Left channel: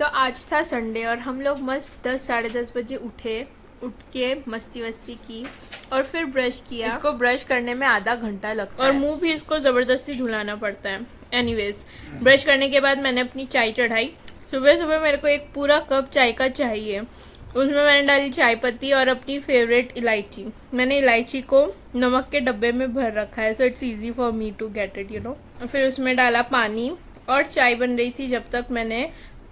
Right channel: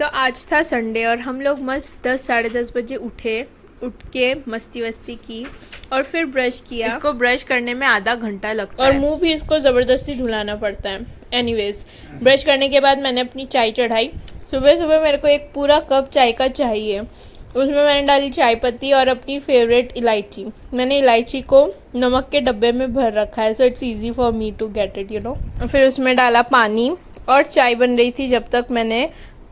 तो आज था संडे और हम लोग मस्त 10 साढ़े 10 बजे उठ के मस्ती वस्ती की और फिर ब्रश किया। इसको ब्रश करने में आधा घंटा लगता है और मुंह भी इसको ज़बरदस्ती धुलाना पड़ता है। एनीवेज, ब्रश करने के बाद मैंने अपनी चाय चढ़ाई। सुबह सुबह मेरे को एक पूरा कप चाय का चाहिए। उसमें मैंने डाली चाय पत्ती और अपनी फेवरेट इलायची। मैंने इलायची को नमक के डब्बे में भर रखा है, so it's easy for me to get it, you know. फिर उसमें डाला पानी और चाय बन रही थी जब तक मैंने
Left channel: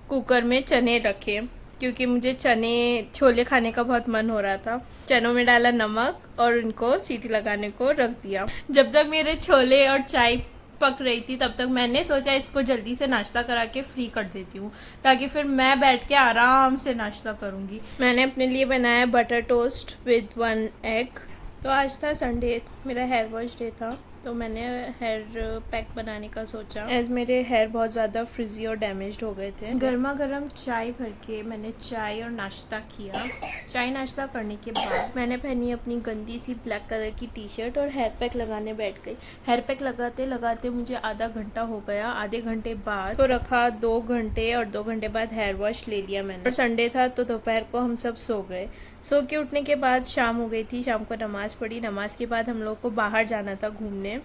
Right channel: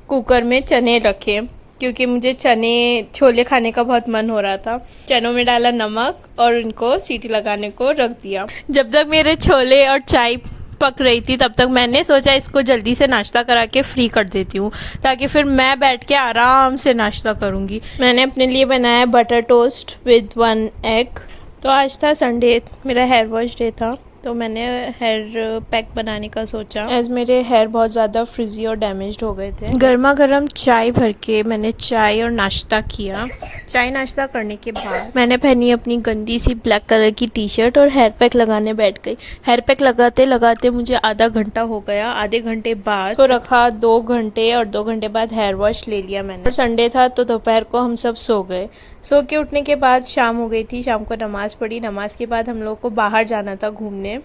कुकर में चने रखे, क्योंकि मुझे चने छोले खाने का बहुत मन हो रहा था। चनों में डाला नमक और इनको सीटी लगाने को रख दिया। जब तक मेरे छोले और चाय पक रही थी तब तक मैंने सोचा इसको जल्दी से नाश्ता करा के फ्री कर देती हूँ, ताकि फिर मैं बैठ के आराम से नाश्ता करूँगी। मैंने अपने लिए बनाया बटर टोस्ट विद 1 एग। तो आज था संडे, मेरा हेयर वॉश डे था, तो मैंने हेयर पैक बनाने का सोचा। आज मेरे हेयर बहुत ज़्यादा फ्रिजी और डैमेज्ड हो गए थे। गर्मा गर्म चाय भर के मैंने चाय और नाश्ता किया। चाय नाश्ता करने के बाद मैंने पहनी अपनी गंदी सी ब्लैक कलर की टी शर्ट और हेयर पैक लगाने बैठ गई। हेयर पैक लगाते लगाते मुझे आधा घंटा हो गया। आधे घंटे बाद तो रखा 2 घंटे और 2 घंटे बाद हेयर वॉश ले लिया मैंने। और संडे था तो दोपहर को हम सब सो गए। सो के उठने के बाद शाम हो गई थी। शाम को नमाज़ पढ़ी। नमाज के बाद हम लोग को बाहर जाना था घूमने,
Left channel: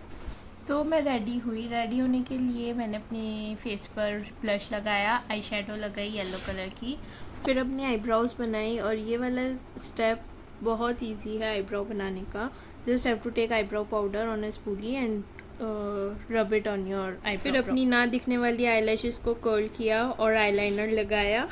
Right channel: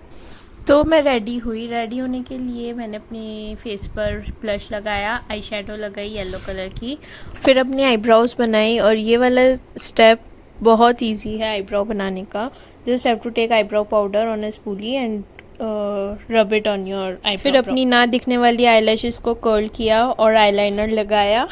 तो मैं रेडी हुई। रेडी होने के लिए मैंने अपने फेस पर ब्लश लगाया, आई शेडो लगाई येलो कलर की, फिर अपनी आईब्रोज बनाई। और ये वाला स्टेप बहुत इजी है आईब्रो बनाने का। Just have to take eyebrow powder on a spoolie and rub it on your eye. फिर अपनी ना दिखने वाली आईलैशेस को कर्ल किया और आईलाइनर लगाया।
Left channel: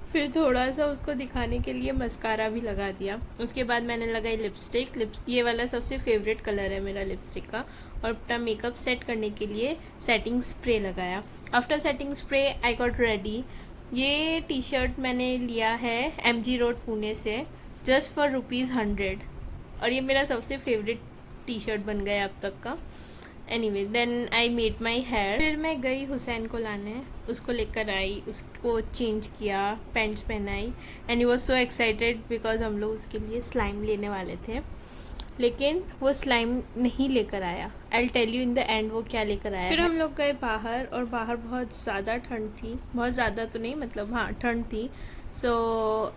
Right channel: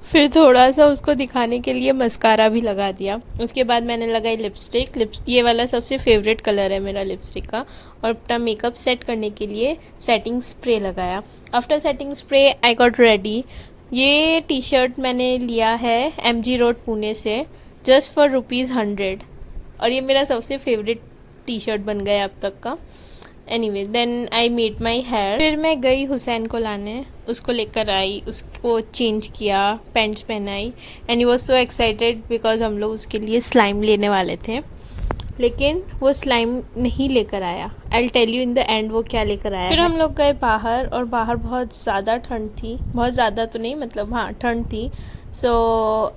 फिर थोड़ा सा उसको दिखाने के लिए मस्कारा भी लगा दिया। उसके बाद मैंने लगाई लिपस्टिक। ये वाला सबसे फेवरेट कलर है मेरा लिपस्टिक का। और अपना मेकअप सेट करने के लिए सेटिंग स्प्रे लगाया। After setting spray I got ready. ये टी शर्ट मैंने लिया है MG रोड पुणे से, जस्ट फॉर ₹100। और ये मेरा सबसे फेवरेट टी शर्ट बन गया अब तक का। Anyway, then I made my hair. फिर मैं गई हुसैन को लाने, उसको लेकर आई, उसको चेंज किया, पैंट्स पहनाई and he was so excited because हम लोग उसके लिए स्लाइम लेने वाले थे, लेकिन वो स्लाइम नहीं लेकर आया। I will tell you in the end वो क्या लेकर आया। फिर हम लोग गए बाहर और बाहर बहुत ज़्यादा ठंड थी। बहुत ज़्यादा तो नहीं, मतलब हाँ ठंड थी। So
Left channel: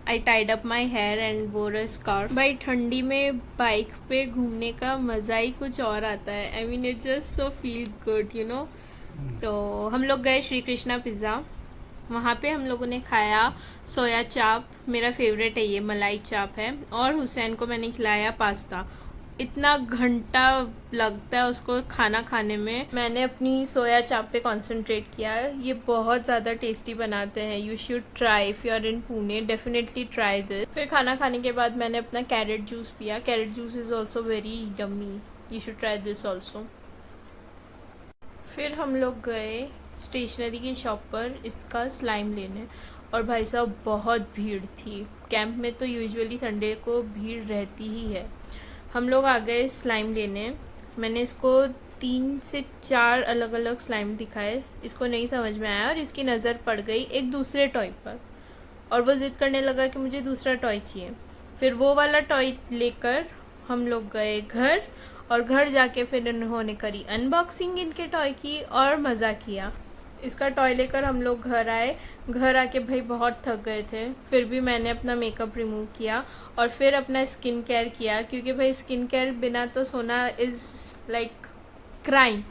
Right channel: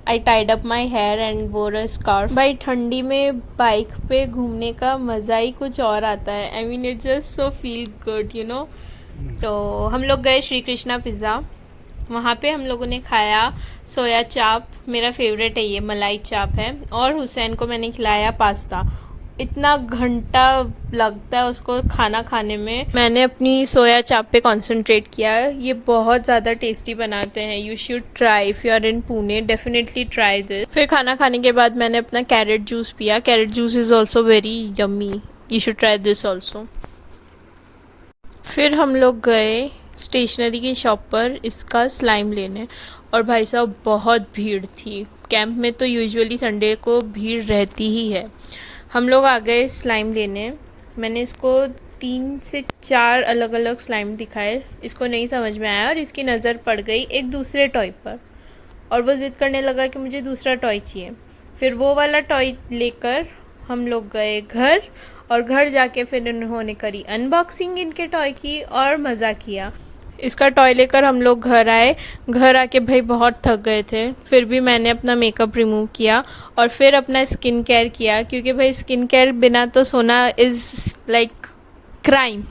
I tied up my hair and wore a scarf. भाई ठंडी में बाइक पे घूमने का मज़ा ही कुछ और आता है। I mean it's just so feel good, you know. तो हम लोग गए श्री कृष्णा पिज़्ज़ा। वहाँ पे हम लोगों ने खाया सोया चाप, मेरा फेवरेट है ये, मलाई चाप है। और हुसैन को मैंने खिलाया पास्ता। इतना घंटा लगता है उसको खाना खाने में। मैंने अपनी सोया चाप पे कंसंट्रेट किया। ये बहुत ज़्यादा टेस्टी बनाते हैं। You should try if you are in Pune, definitely try this. फिर खाना खाने के बाद मैंने अपना कैरेट जूस पिया। Carrot juice is also very yummy, you should try this also. फिर हम लोग गए स्टेशनरी की शॉप पर इसका स्लाइम लेने, और भाई साहब बहुत भीड़ थी। कैंप में तो यूजुअली संडे को भीड़ रहती ही है। हम लोग आ गए स्लाइम लेने। मैंने इसको 3 से 4 अलग अलग स्लाइम दिखाए, इसको नहीं समझ में आया और इसकी नज़र पड़ गई एक दूसरे टॉय पर, और वो ज़िद करने लगा कि मुझे दूसरा टॉय चाहिए। फिर वो वाला टॉय लेकर हम लोग गए घर, और घर जाके फिर उन्होंने करी अनबॉक्सिंग इनके टॉय की और मज़ा किया। इसका टॉय लेकर हम लोग घर आए। घर आके भाई बहुत थक गए थे, फिर भी मैंने अपना मेकअप रिमूव किया और फिर अपना स्किन केयर किया, क्योंकि भाई स्किन केयर बिना तो सोना is like crime.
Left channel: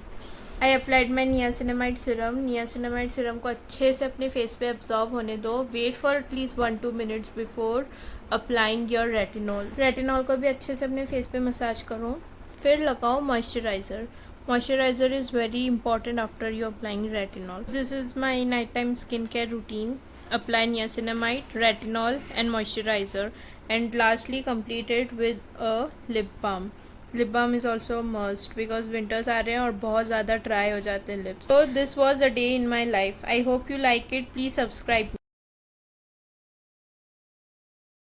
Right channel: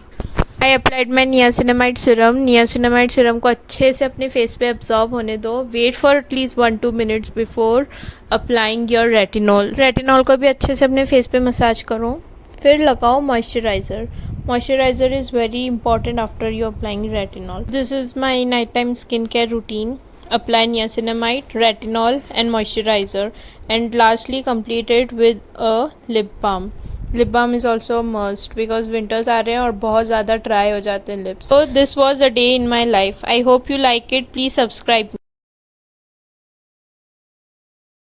I applied my niacinamide serum. Niacinamide serum को अच्छे से अपने फेस पे एब्जॉर्ब होने दो। Wait for at least 1-2 minutes before applying your retinol. Retinol को भी अच्छे से अपने फेस पे मसाज करो। फिर लगाओ moisturiser. Moisturizer is very important after you applying retinol. This is my nighttime skincare routine. Apply niacinamide, retinol and moisturizer, and lastly complete it with a lip balm. Lip balm is also a must because winters आ रहे हैं और बहुत ज़्यादा dry हो जाते हैं lips. So this was a day in my life. I hope you like it. Please subscribe.